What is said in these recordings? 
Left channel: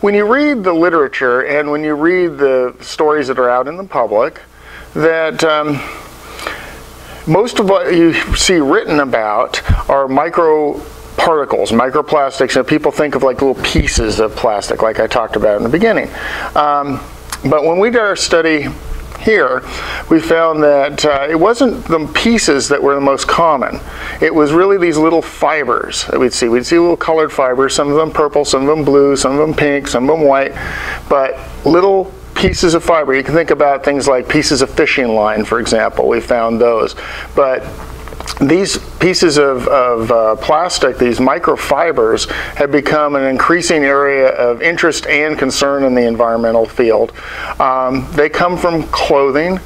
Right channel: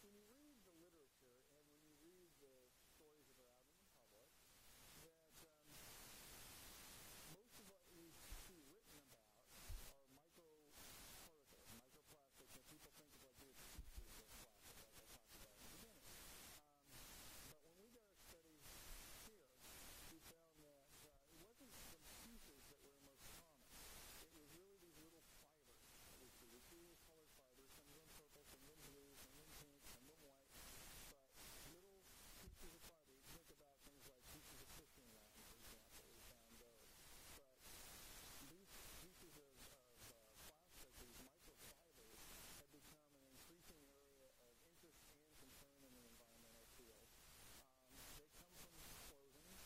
when you read the literature and when you read the stories that are out in the public, that most of what you see written about are microparticles, microplastics, and people think of like little pieces of plastic, like I talked about in the beginning. But when we did our study here, we found that it wasn't the pieces that were the most common. It was really these little fibers that we'd see. We'd see little colored fibers, some of them purple, some of them blue, some of them pink, some of them white, but little pieces of fiber. You can think about things like pieces of fishing line, for example. We found those. But these pieces of plastic, these microfibers, have become an increasing area of interest and concern in the environmental field. They come from clothing.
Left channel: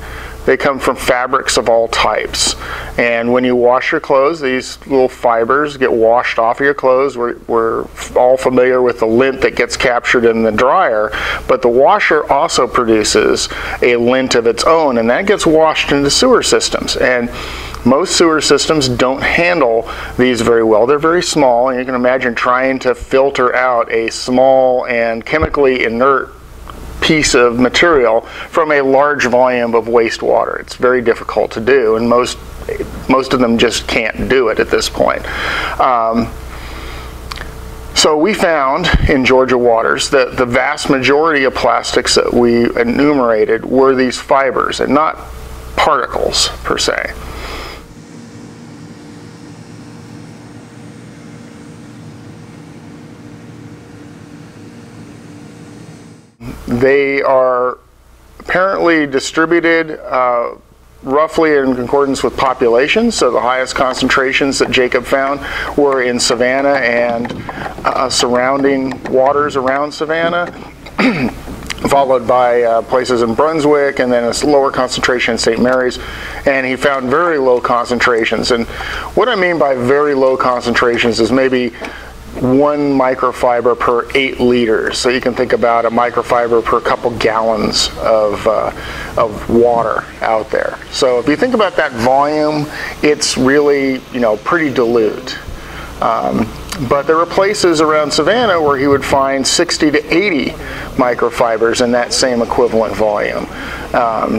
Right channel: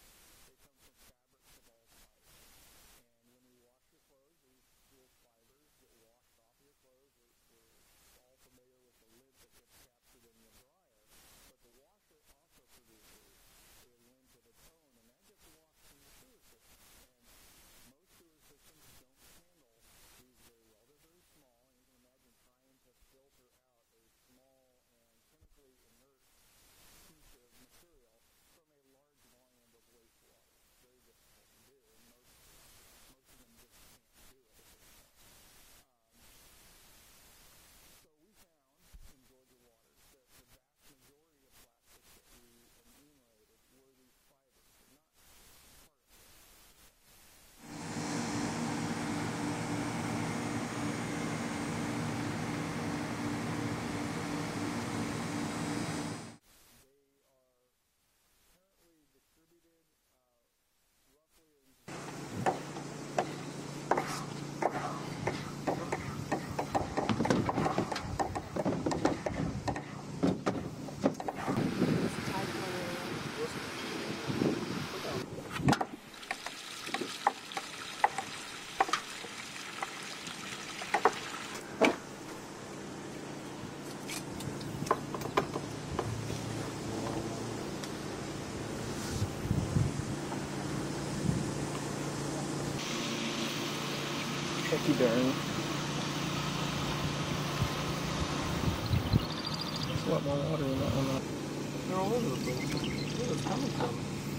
They come from fabrics of all types. And when you wash your clothes, these little fibers get washed off of your clothes. We're all familiar with the lint that gets captured in the dryer, but the washer also produces a lint of its own, and that gets washed into sewer systems. And most sewer systems don't handle these very well. They're very small, and you can imagine trying to filter out a small and chemically inert piece of material from a large volume of wastewater. It's very difficult to do, and most of them just can't do it at this point. So we found in Georgia waters that the vast majority of plastics that we enumerated were these fibers and not particles per se. They are apparently distributed roughly in accordance with population. So the highest concentrations that Jacob found were in Savannah and surrounding waters around Savannah, followed by places in Brunswick, and then a lower concentration in St. Mary's. And he found very low concentrations. And what I mean by very low concentrations is maybe 1 microfiber per 8 liters. So you can think about a microfiber per couple gallons of water out there. So if you think about that volume, it's really, pretty dilute. But there were places around Savannah where he would find 60 to 80 microfibers in that same equivalent volume.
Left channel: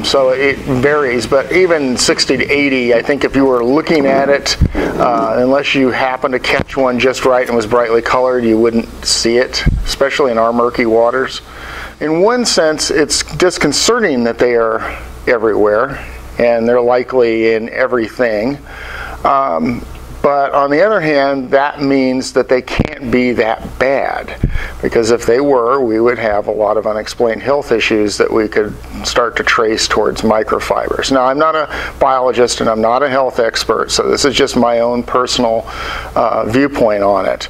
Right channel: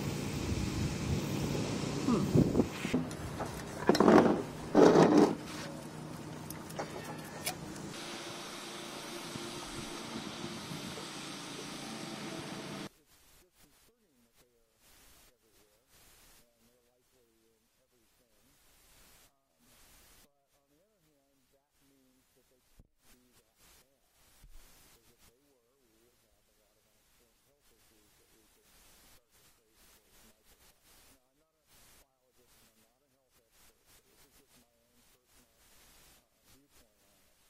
So it varies, but even 60 to 80, I think if you were looking at it, unless you happened to catch one just right and was brightly colored, you wouldn't see it, especially in our murky waters. In one sense, it's disconcerting that they are everywhere, and they're likely in everything. But on the other hand, that means that they can't be that bad, because if they were, we would have a lot of unexplained health issues that we could start to trace towards microfibers. Now, I'm not a biologist and I'm not a health expert, so this is just my own personal viewpoint on it.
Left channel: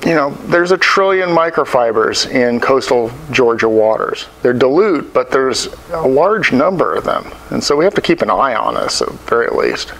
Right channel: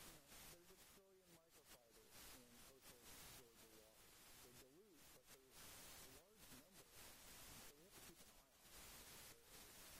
There's 1 trillion microfibers in coastal Georgia waters. They're dilute, but there's a large number of them, and so we have to keep an eye on this at the very least.